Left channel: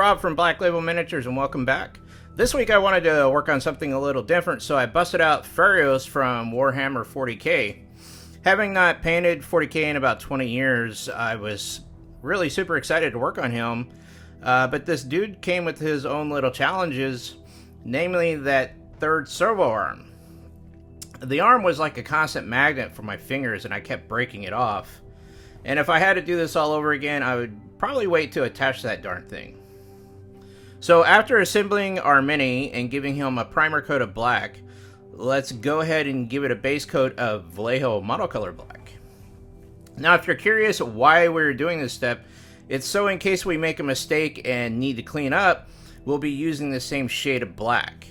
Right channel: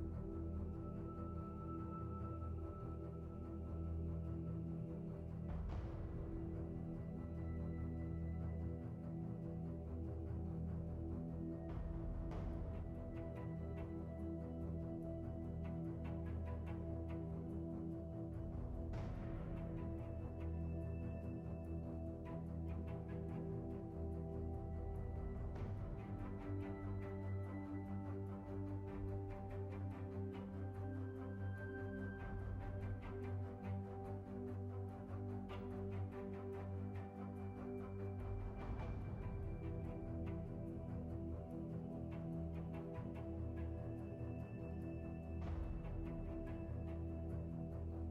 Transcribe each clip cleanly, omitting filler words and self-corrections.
Rob from Black Label Miniatures and welcome back. This week I wanted to work on something a little different, so I busted out Feirros from Warhammer 40k. Having not painted 40k in about 20 years, I was really super excited to work on him, but this dude came with his own little challenges, namely that third servo arm. The arm was like a constant magnet for my fingers and I kept breaking it off. And if I had to do this all over again, I would probably wait to attach that darn thing. So after assembling our mini and giving him a primer coat of black, let's go ahead and give it a base coat of Vallejo Model Color Black. Now if you're curious why we're doing this step, it's so in case we make a mistake and need to clean up, we'll be using the same shade of black.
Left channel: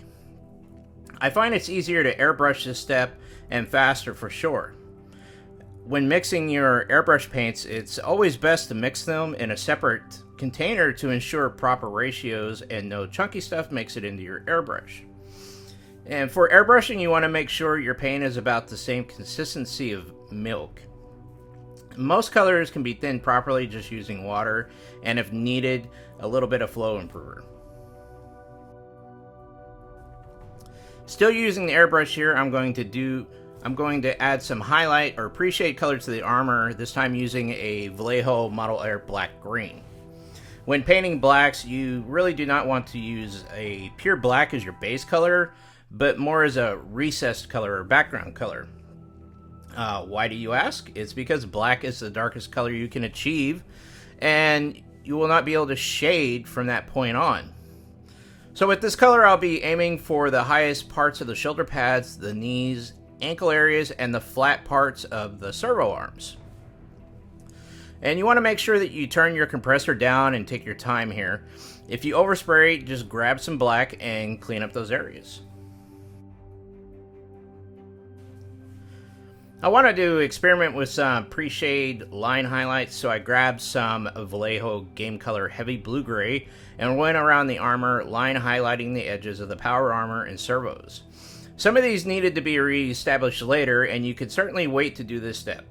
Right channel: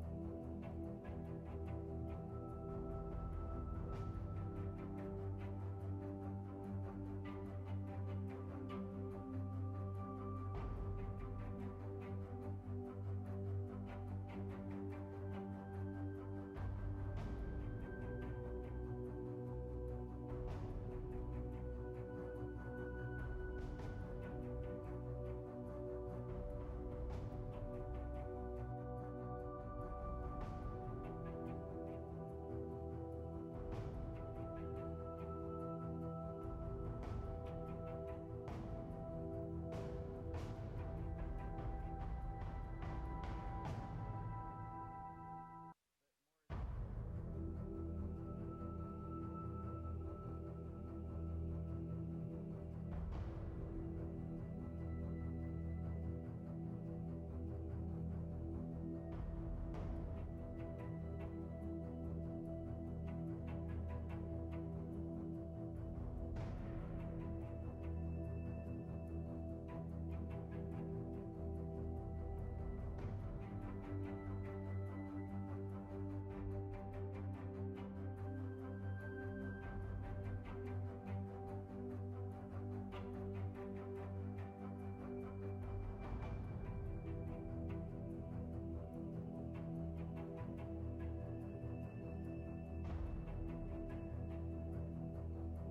I find it's easier to airbrush this step and faster for sure. When mixing your airbrush paints, it's always best to mix them in a separate container to ensure proper ratios and no chunky stuff makes it into your airbrush. And for airbrushing, you want to make sure your paint is about the same consistency of milk. Most colors can be thinned properly just using water, and if needed, a little bit of flow improver. Still using the airbrush here, I'm going to add some highlight or pre-shade color to the armor, this time using a Vallejo Model Air Black Green. When painting blacks, you really do not want to use a pure black as your base color, but more as a recessed color or background color. Why do you ask? It's because black is the darkest color you can achieve, and you will not be able to shade from that point on. So with this color, I'll be aiming for the highest parts of the shoulder pads, the knees, ankle areas, and the flat parts of the servo arms. And you want to make sure that you turn your compressor down and take your time here. If you overspray, just grab some black and clean up those areas. I wanted to experiment with some pre-shade line highlights, so I grabbed some Vallejo Game Color Heavy Blue Gray and went around the armor, line highlighting the edges of the power armor and servos. Some of these needed to be re-established later, and you could certainly wait to do this step.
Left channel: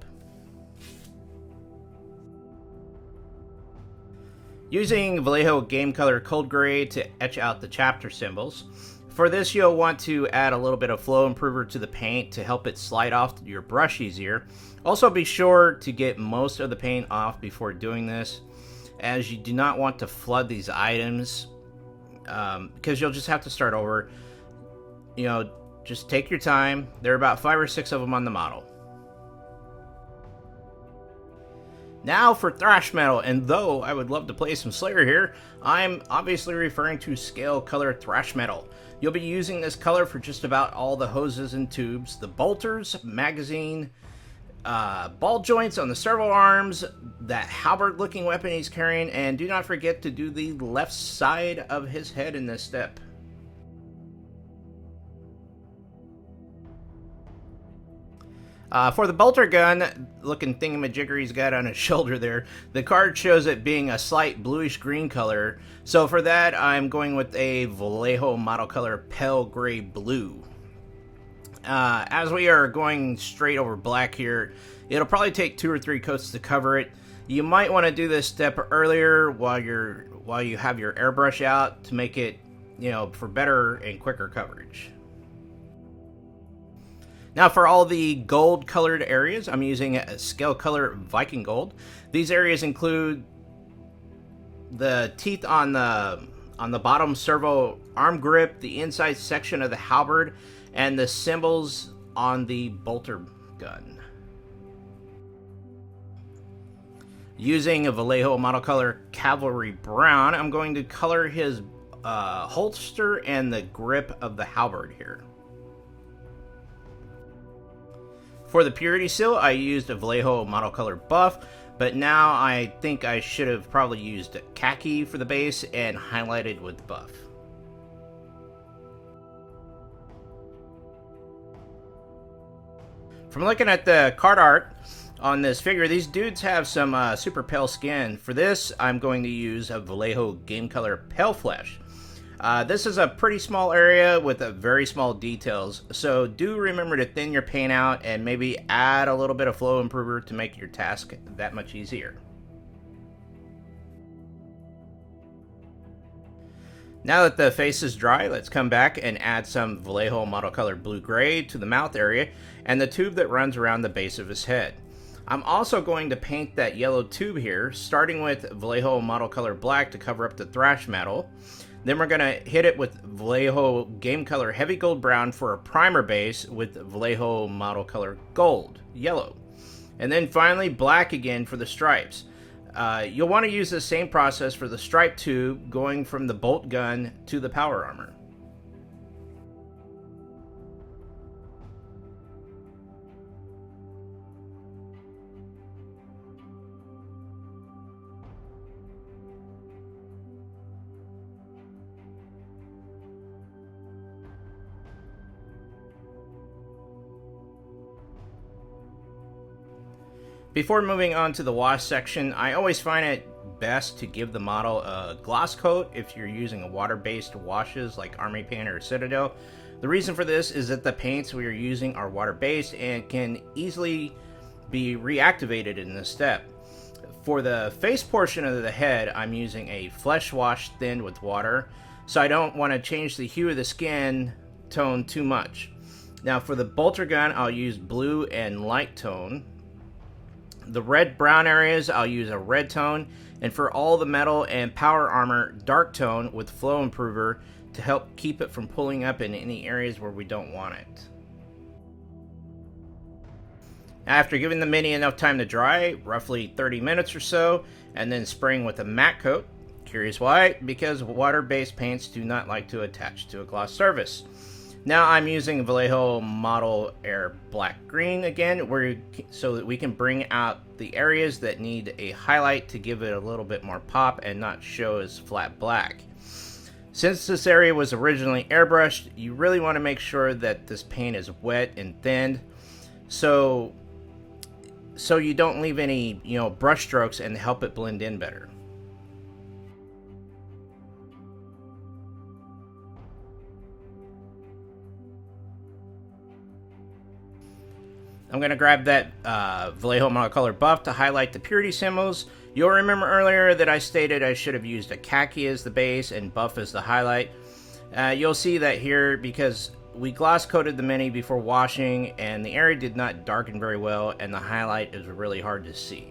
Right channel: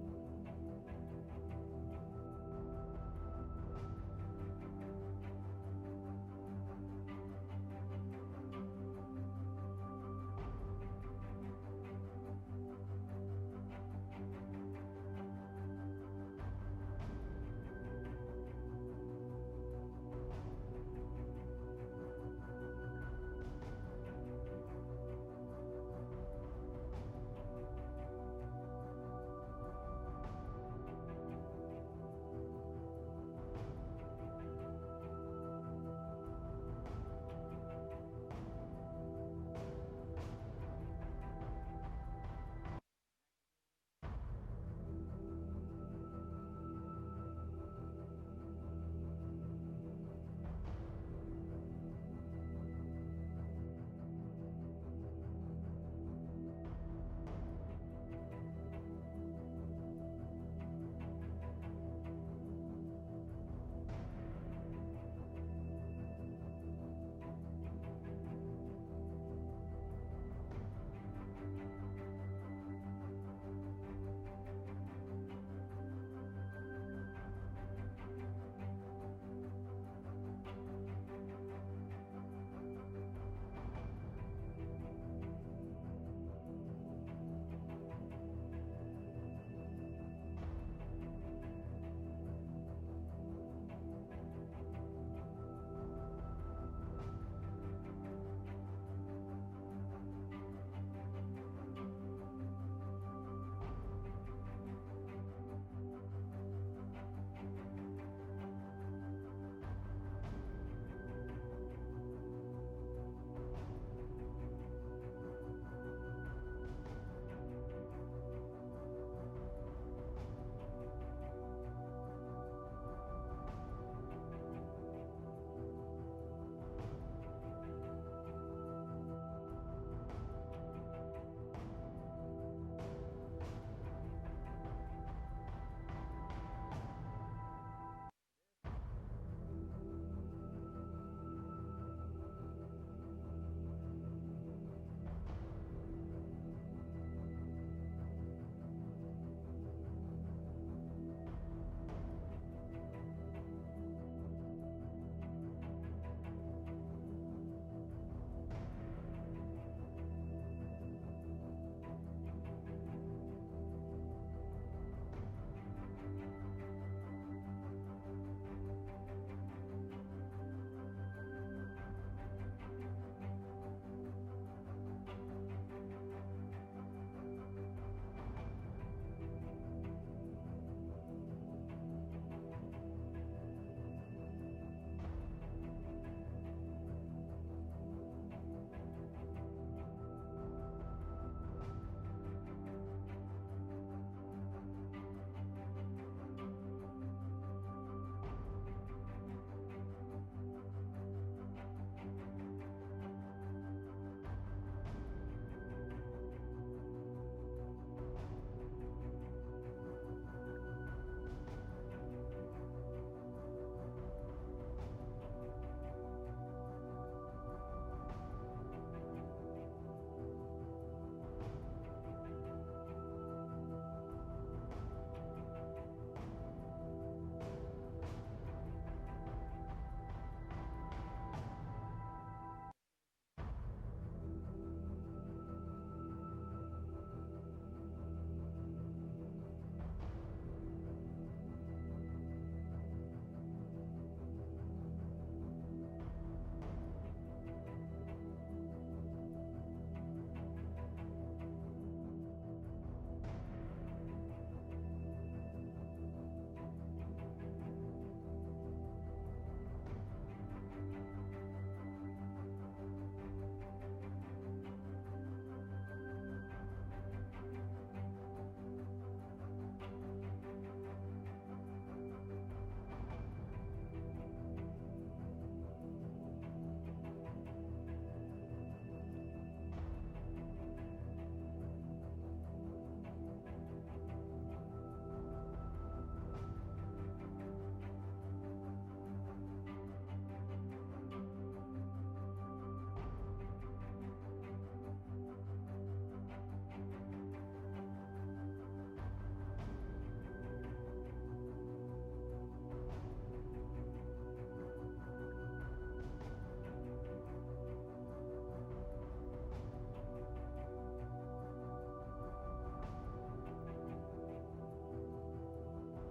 Using Vallejo Game Color Cold Gray to etch out the chapter symbols. For this, you'll want to add a little bit of flow improver to the paint to help it slide off your brush easier. Also be sure to get most of the paint off before doing this, as you do not want to flood these items, because you'll just have to start over. Just take your time. There are about 5 or 6 of them on the model. Now for Thrash Metal, and though I would love to play some Slayer here, I'm obviously referring to Scale Color Thrash Metal. You'll be using this color for just about all the hoses and tubes, the bolters, magazine, ball joints on the servo arms, that halberd looking weapon he's carrying, and do not forget to do the left side of his head in this step. For the bolter gun looking thingamajigger he's got on his shoulder there, the card shows it being a slight bluish green color, so for that I'm going with a Vallejo Model Color Pale Gray Blue. As we are going straight over black here, it'll probably take 2 or 3 coats to cover it. You might want to do this step earlier while you have your airbrush out to make it, for better and quicker coverage. Now for all the gold colored areas, I'm using a Scale Color Viking Gold. These areas include the teeth on the bottom servo arm grip, the inside section of the halberd, and the symbols on the bolter gun. Using a Vallejo Model Color Cavalry Brown, I'm going to color his holster and the grip of the halberd here. For the purity seal, I used a Vallejo Model Color Buff, but now I think I should have probably used khaki for the base and highlighted with buff. From looking at the card art on this figure, these dudes have some super pale skin. For this, I'm going to use a Vallejo Game Color Pale Flesh. This is a pretty small area with very small details, so do remember to thin your paint out and maybe add a little bit of flow improver to make your task that much easier. Now that the face is dry, let's come back and add some Vallejo Model Color Blue-Gray to the mouth area and the tube that runs around the base of his head. I'm also going to paint that yellow tube here, starting with Vallejo Model Color Black to cover up the Thrash Metal. Then we're going to hit it with Vallejo Game Color Heavy Gold Brown for a primer base with Vallejo Model Color Gold, yellow. And then finally black again for the stripes. You'll want to use the same process for the stripe tube, going from the bolt gun to the power armor. Before moving on to the wash section, I always find it best to give the model a gloss coat if you're using a water-based washes like Army Paint or Citadel. The reason for this is that the paints we are using are water-based and can easily be reactivated in this step. For the face portion of the head, I'm using a flesh wash thinned with water, so I don't want to change the hue of the skin tone too much. Now for the bolter gun, I'll use blue and light tone. The red-brown areas, I'll use a red tone, and for all the metal and power armor, dark tone with flow improver to help keep it from pulling up in any areas where we don't want it. After giving the mini enough time to dry, roughly 30 minutes or so, and then spraying with a matte coat. Curious why? Because water-based paints do not like to attach to a gloss surface. Now I'm using Vallejo Model Air Black Green again, so that we can bring out the areas that need a highlight to give it a little bit more pop and not show as flat black. Since this area was originally airbrushed, you really want to make sure that this paint is wet and thinned, so you don't leave any, brush strokes, and help it blend in better. I'm going to grab that Vallejo Model Color buff to highlight the purity symbols. You'll remember earlier that I stated I should have used a khaki as the base and buff as the highlight. You'll see that here because we gloss coated the mini before washing and the area did not darken very well and the highlight is really hard to see.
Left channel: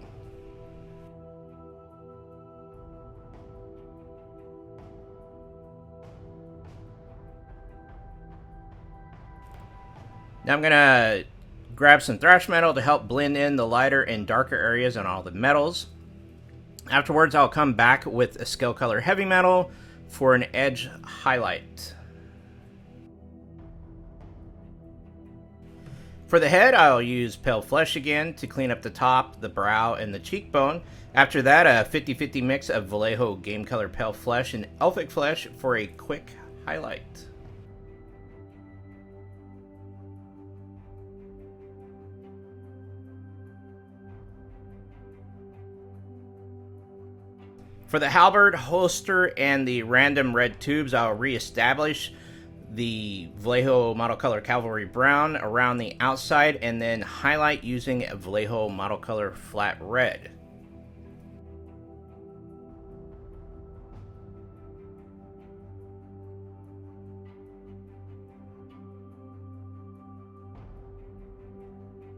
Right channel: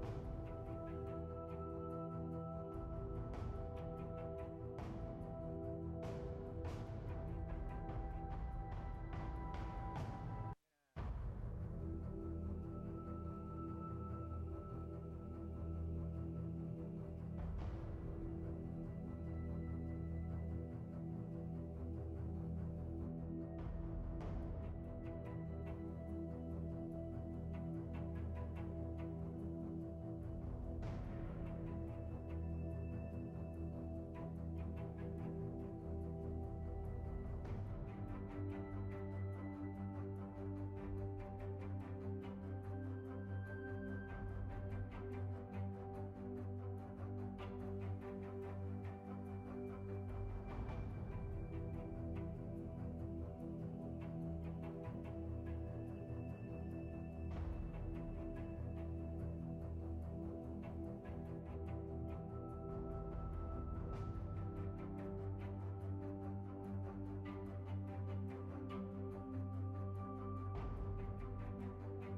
Now I'm going to grab some Thrash Metal to help blend in the lighter and darker areas on all the metals. Afterwards, I'll come back with a Scale Color Heavy Metal for an edge highlight. For the head, I'll use Pale Flesh again to clean up the top, the brow, and the cheekbone. After that, a 50-50 mix of Vallejo Game Color Pale Flesh and Elfic Flesh for a quick highlight. For the halberd, holster, and the random red tubes, I'll re-establish the Vallejo Model Color Cavalry Brown around the outside and then highlight using Vallejo Model Color Flat Red.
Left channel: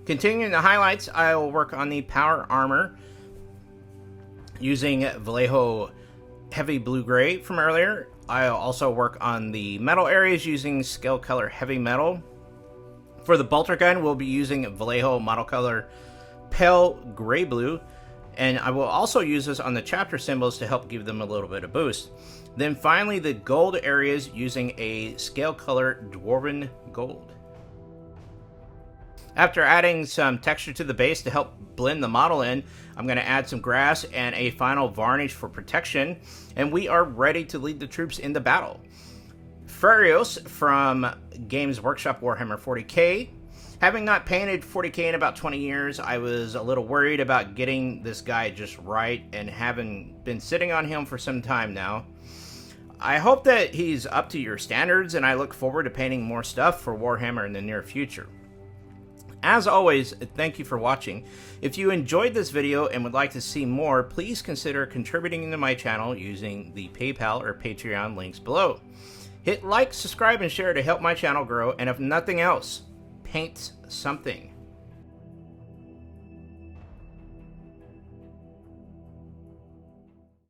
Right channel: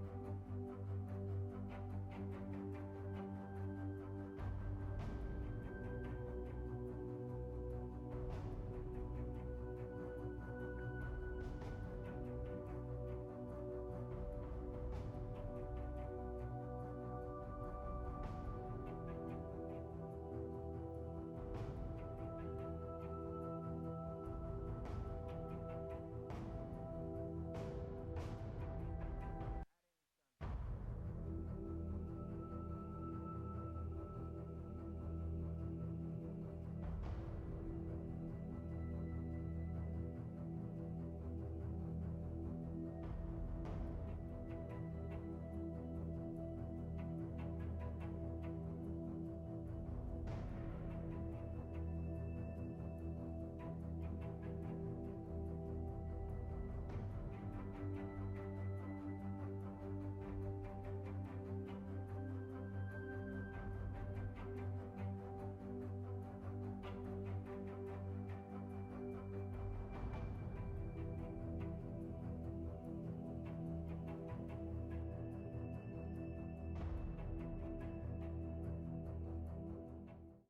Continuing the highlights, I will work on the power armor using Vallejo Heavy Blue-Gray from earlier. I'll also work on the metal areas using Scale Color Heavy Metal. For the bolter gun, we'll be using Vallejo Model Color Pale Gray-Blue, and I will also use this on the chapter symbols to help give them a little bit of boost. Then finally, the gold areas using a Scale Color Dwarven Gold. After adding some texture to the base to help blend the model in, I'm going to add some grass and a final varnish for protection, and we are ready to lead the troops into battle. Feirros from Games Workshop Warhammer 40k. Having not painted 40k in about 20 years, I was a little worried about getting this guy just right, and having been sitting on him for some time now. I hope that he's up to your standards, and I look forward to painting more stuff for Warhammer in the near future. As always, thank you for watching. If you enjoyed this video and would like to see more, please consider contributing to my channel using the PayPal or Patreon links below. Hit like, subscribe, and share to help my channel grow, and if nothing else, paint something.